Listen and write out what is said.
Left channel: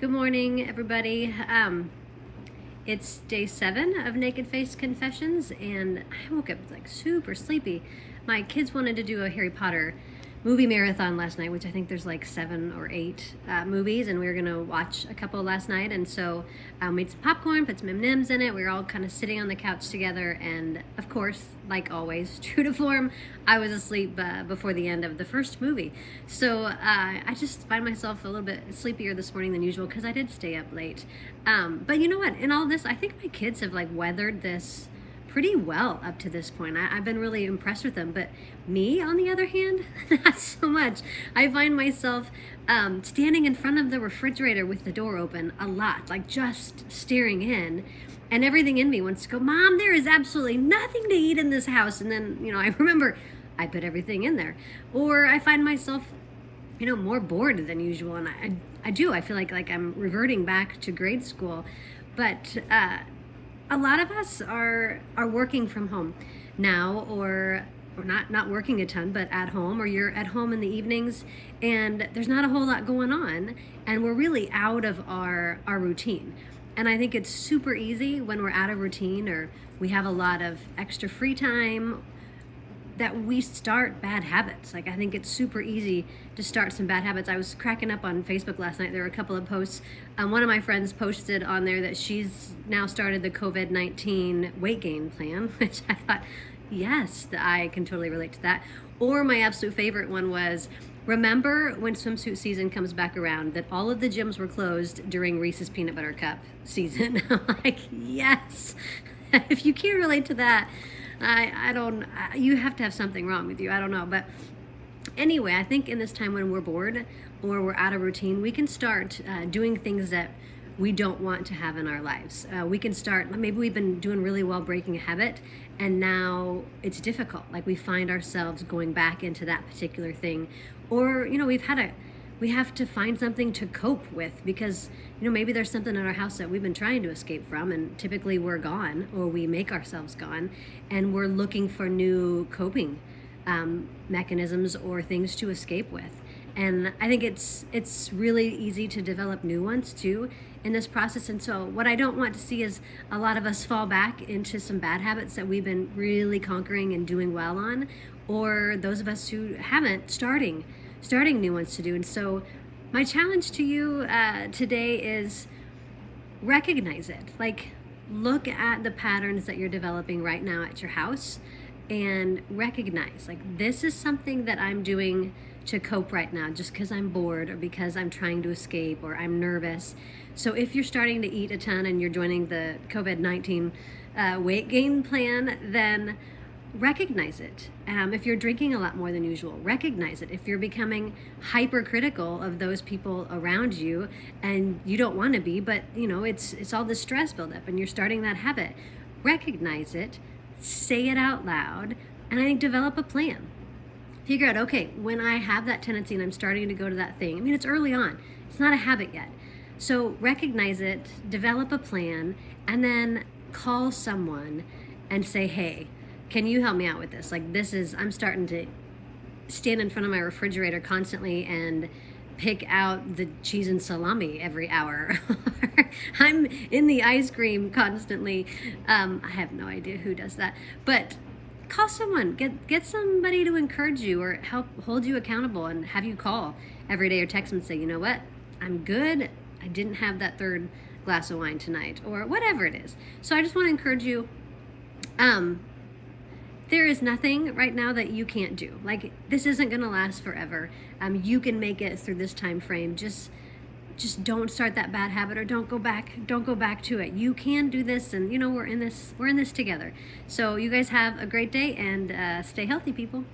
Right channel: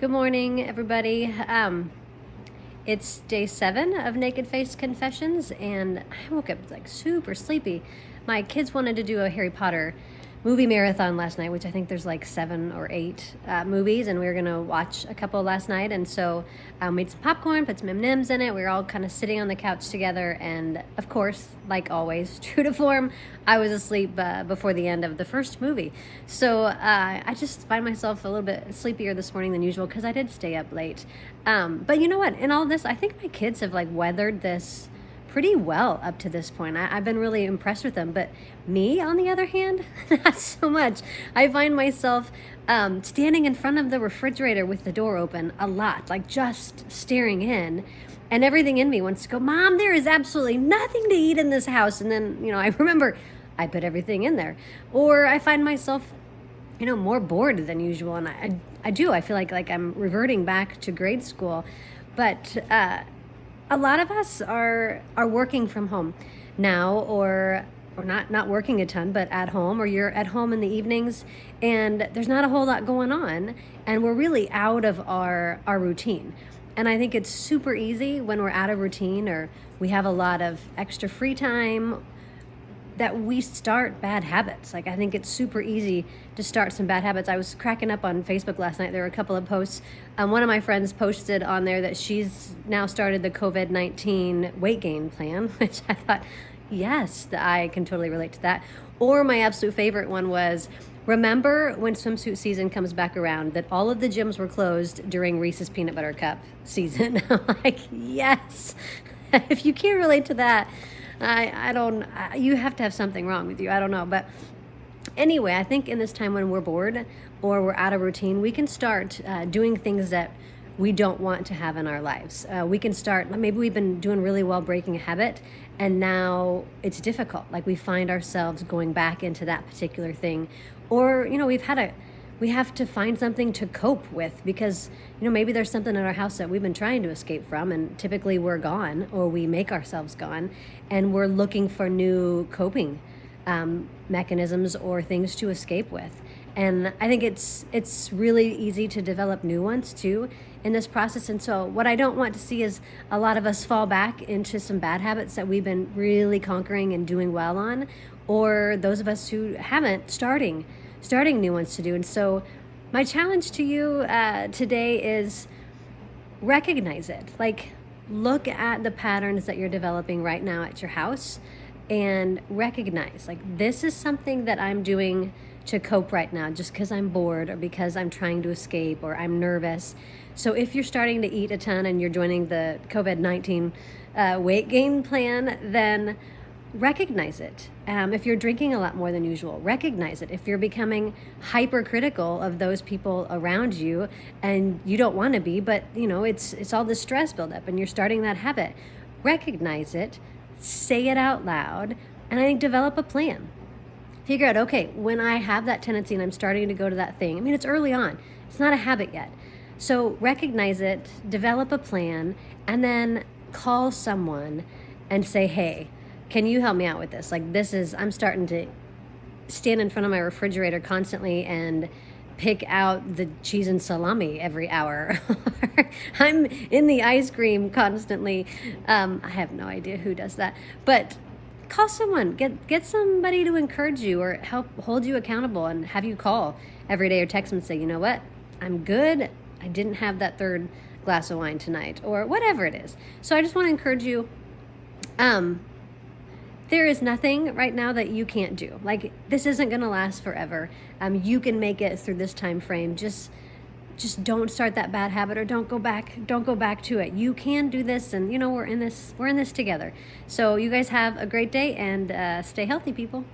Good morning, everybody. It's day 7 of Naked Face Confessions, and I woke up like super sleepy. My kids wanted to do a Harry Potter movie marathon last night, which I think there's like 7 or 8 movies, and we were gonna watch a couple last night. And so I made some popcorn, put some M&Ms in it. We were all kind of sitting on the couch together, and of course, like always, true to form, I was asleep before the end of the first movie. So I just find myself a little bit sleepier this morning than usual because I did stay up late. But you know what? In all this, I think my kids have like weathered this pretty well up to this point. I've been really impressed with them, but me, on the other hand, not so much. I find myself standing in front of the refrigerator with the door open a lot, like just staring in, and everything in me wants to go, Mom, there is absolutely nothing to eat in this house. And then, I remember I put everything in there. Or I find myself, more bored than usual. And I feel like I'm reverting back to grade school. But a lot of us are working from home now, or not working a ton, but at home, or you're at home in the evenings, and there's not a whole lot going on, and we're really out of our routine. And I think it's super easy when we're out of routine, or we have a lot of extra free time, that we start bad habits. Like, I think it's super easy to start some bad habits. I was cracking up on Facebook last night. There were a couple of posts. One of my friends posted on there that she's now started the COVID-19 weight gain plan, which I thought, yes, I can totally relate to that. Or my absolute favorite one was, remember when swimsuit season comes back around that all of the gyms were closed during Reese's Peanut Butter Cup season. I'm like, yes. If you can't relate to that, I don't, you have to have something wrong with you. I don't know. But anyway, I think in this time when we're bored or we're out of routine, we can start doing things that we don't want to have in our lives. We can start, maybe we've been doing really well breaking a habit, and now it's difficult. Like, we find ourselves going back into that particular thing. Or, we have to find something to cope with, because maybe there's something in our house that we've been trying to escape from, and typically we're gone, or we make ourselves gone, and we're looking for new coping mechanisms or things to escape with. And I think it's really easy to develop new ones too in this process. And so what I don't want to see is a lot of us fall back into some bad habits that we've been really conquering and doing well on, or those of us who haven't, starting new ones to do. And so my challenge to you today is recognize it. Like, look at the patterns that you're developing right now at your house and recognize, like, this is something that I'm doing to cope right now just because I'm bored, or because I'm trying to escape, or I'm nervous. So if you're starting to eat a ton and you're joining the COVID-19 weight gain plan, then recognize it. If you're drinking a lot more than usual, recognize it. If you're becoming hypercritical of those people around you, and you don't want to be, but it's all this stress buildup and you're starting that habit, recognize it, say it out loud, and I think develop a plan. Figure out, okay, when I have that tendency and I'm starting to go to that thing, it's early on, it's not a habit yet. So recognize it, develop a plan, and then call someone and say, hey, can you help me out with this? Like, I'm starting to stand in front of my refrigerator constantly and pick out the cheese and salami every hour. I'm in the ice cream constantly. I have no idea who does that, but call someone, get somebody to encourage you or help hold you accountable, and have you call every day or text them and say, you know what, I'm good. I didn't have that third glass of wine tonight, or whatever it is. So I just want to encourage you. There is nothing right now that you can't do. Like, this isn't going to last forever. You can make it through this time frame. Just don't start that bad habit, or don't go back to it. You can do this, and we're in this together. So you guys have a great day, and stay healthy, people.